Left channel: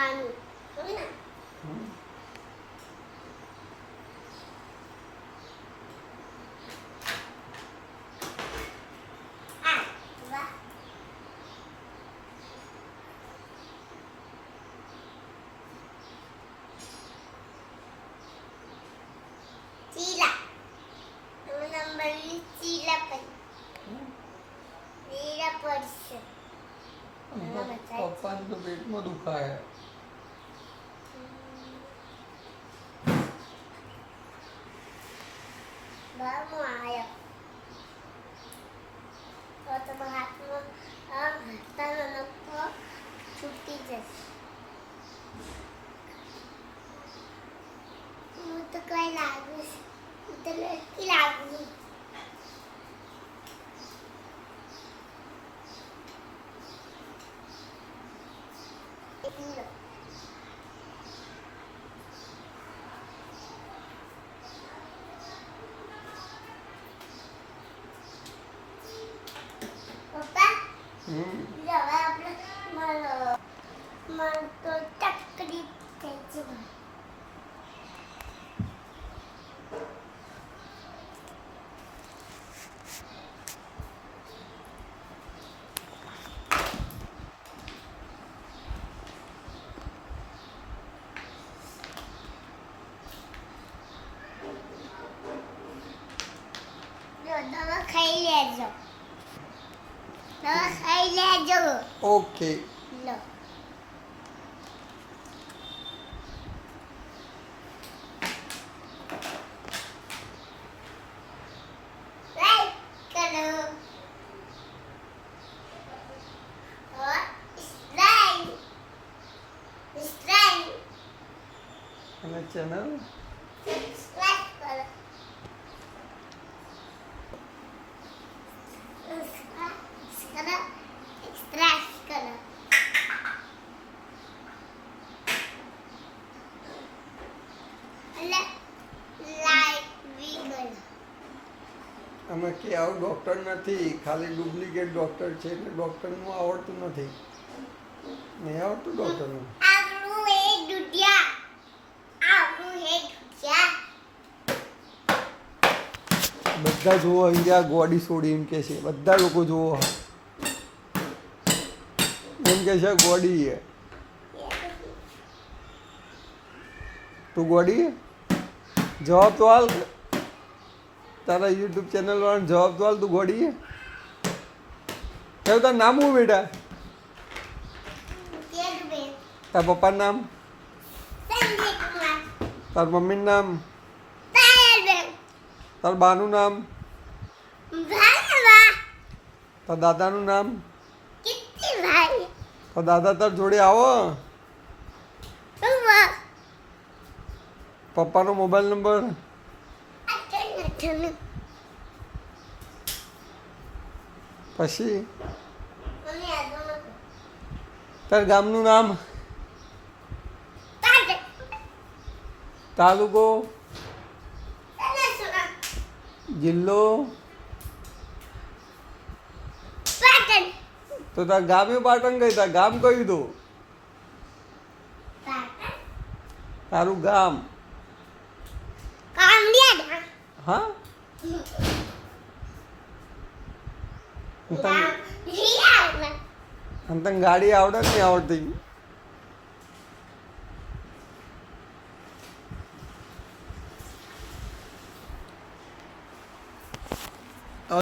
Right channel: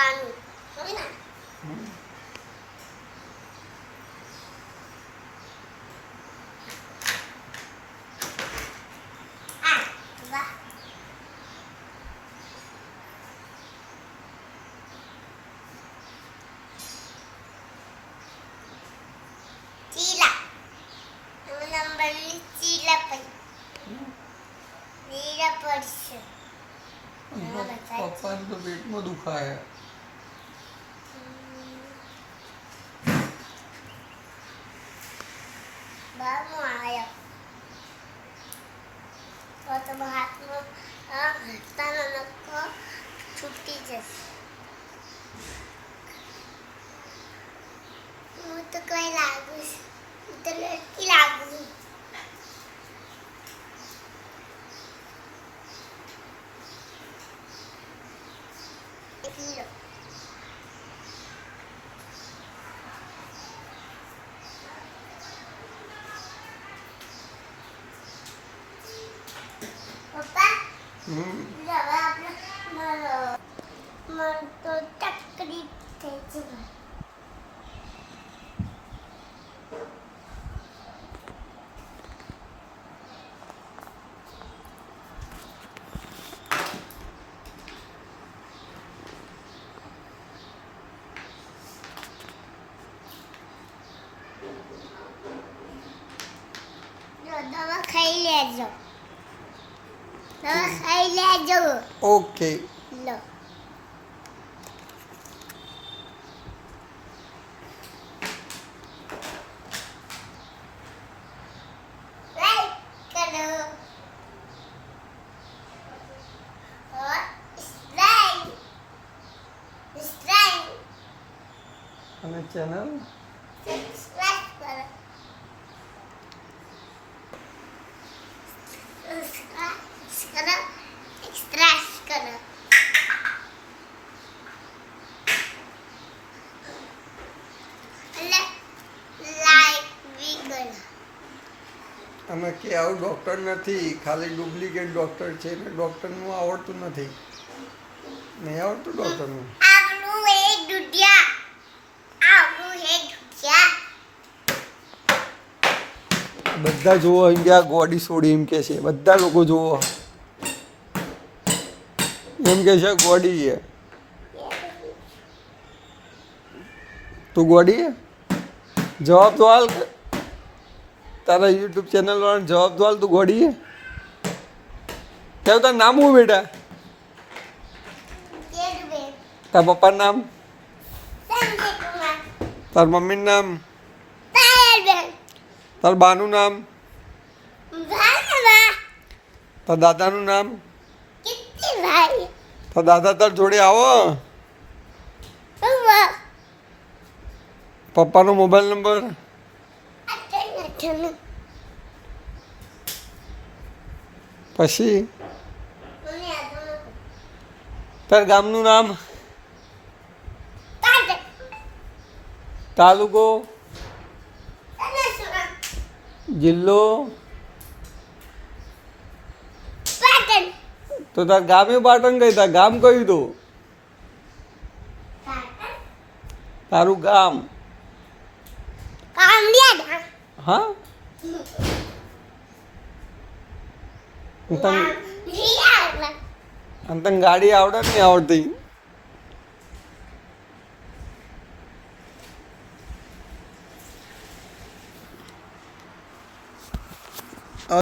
પાનું હોય ને આ વાહ ચીલા નંબરની ચીલા પડી ચીલા પડશે પપ્પાને તો પેટમાં દુખાય બામો આયો તો તમારા હાથમાં હસ્તાનો નખો છૂટી જશે હું તો કઈ લાગુ હું તો લડકી લાગુ હીરો પપ્પા હવે આપણે મારો તો તકલીફ થઈ છે દવા ખાઈ લેજો દવા ખાઈ લેજો ઓકે લો લાઈક કરો और सब्सक्राइब અને ચેનલ सब्सक्राइब करो करो एक्सट्रा करो लाइक भी करो અમે કે આવું ડૉક્ટર નથી ખાલી ડુપ્લિકેટ ડૉક્ટર છે એટલે ડૉક્ટરનું આવડતું નથી નહીં આવડતું ડૉક્ટરનું આપણું એક દુધિયા બધા જુઓ અહીંયા ગોડી છોડી એમ કે છે બધા લોકો જુઓ એમ કે છે ગોડી છે તું ગોડી છે જવાબ તો હાલ તારા યુટ્યુબ ચેનલ વાળાને જવાબ તો હાલ તું ગોડી છે કેવું તારું નામ હું બેટા તારા પપ્પાનું નામ તાર મમ્મીનું નામ તાર બાનું નામ તાર દાદાનું નામ તાર દાદા તાર જોડે આવો પપ્પાનો મોબાઈલ નંબર પછી તાર ગામનું નામ તાલુકો જિલ્લો તો તાર ગામે પાટણ ગઈ તાર ગામ કયું તો તારું ગામ હા તને ગાડી આવડે ને આવડતી